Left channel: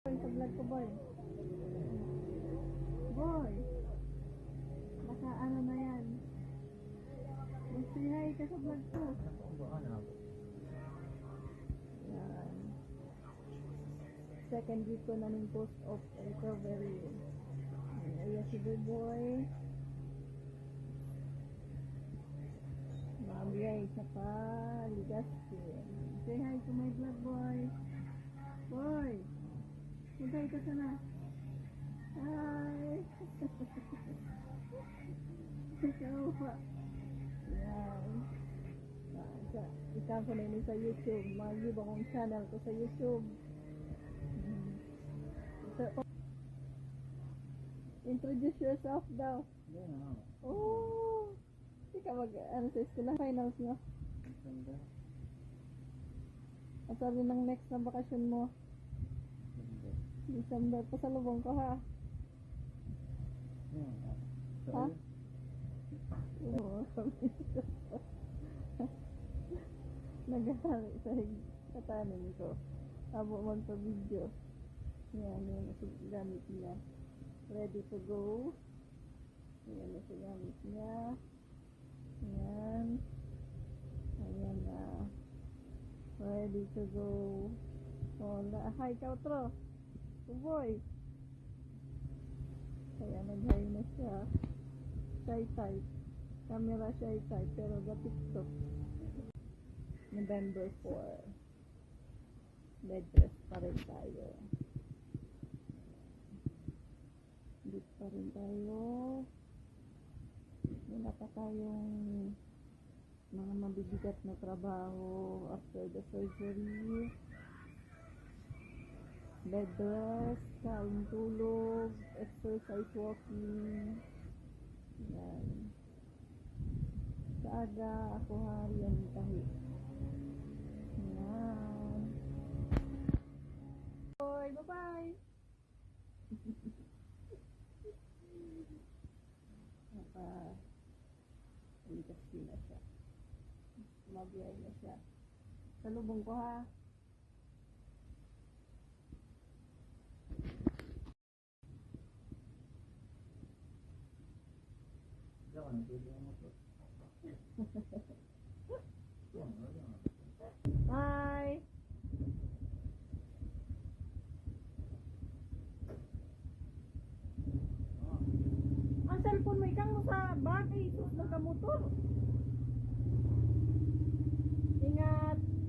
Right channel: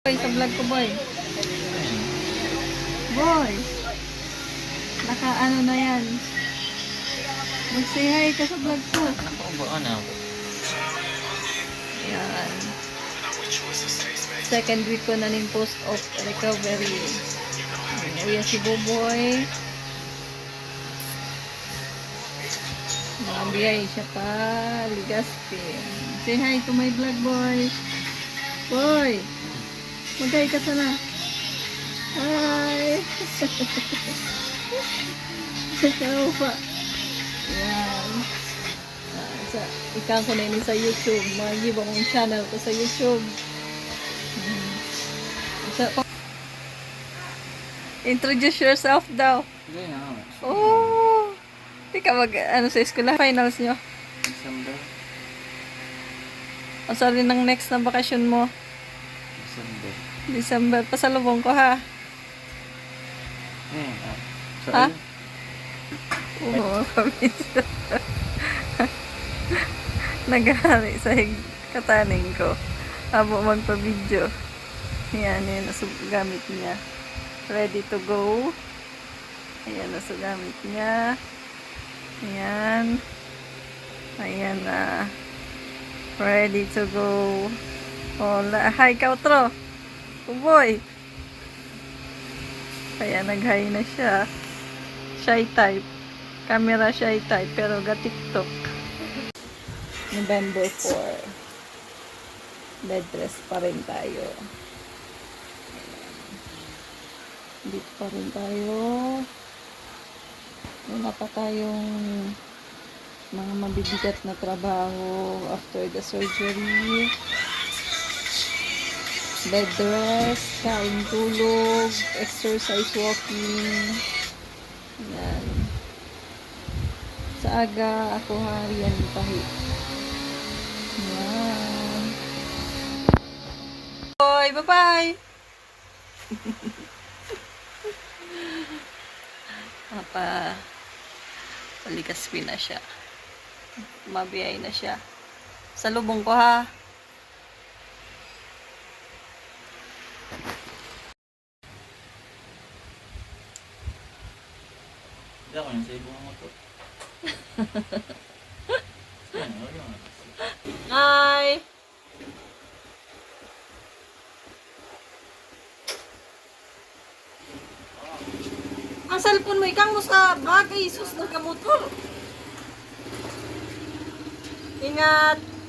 Boy, sa vlog ko, boy. Boy. Naka ano na yan. Mag-say hi ka sa vlog ko. Ano? Yan. Second week ko na ning post of recovery. Uya si Boboy. Nakabiyay siya pa. Ligaspin. Say hi to my vlog. Boy. Magay ka sana. Hi. Ikaw pa. Yan. Sa ikan ko na ini sa YouTube. Mag-give akong channel ko sa YouTube. Mm. Sa, introduce yourself daw. Hindi na. Oh! Di ka mag, ano sa eskwela, finals nyo. December. O sorry ng next na bakasyon mo. December. Pasalubong ko ha. Eh, ah. So, Ha? Oo, kami. Naghari sa kataning ko. Abo magpa-video. Yan, yan. Gamit niya. Ready to go. Ayan, nasa gamit niya. Ayan. Ayan na. ready to go. Hola. Hi, Kautro. Uboy. Kaya nag-hi na siya. Shy type. Camera shy type. Pero ga TikTok. November 4. Bed rest pa rin tayo. Dito pa rin tayo. Wala pa tayong mga mabibigat na trabaho after the surgery. Bed rest, kain tulog, exercise walking. Yan. Sa aga, ako harian tahi. Yan. Boy, bye-bye! Papa, paligaspi na siya. Mabiyay na siya. Sa lubong ko ha. Ako yung sa ibong nga. Hi! Ang cellphone mo, ikang mo sa bagay, sus, nagkamotor. Ingat!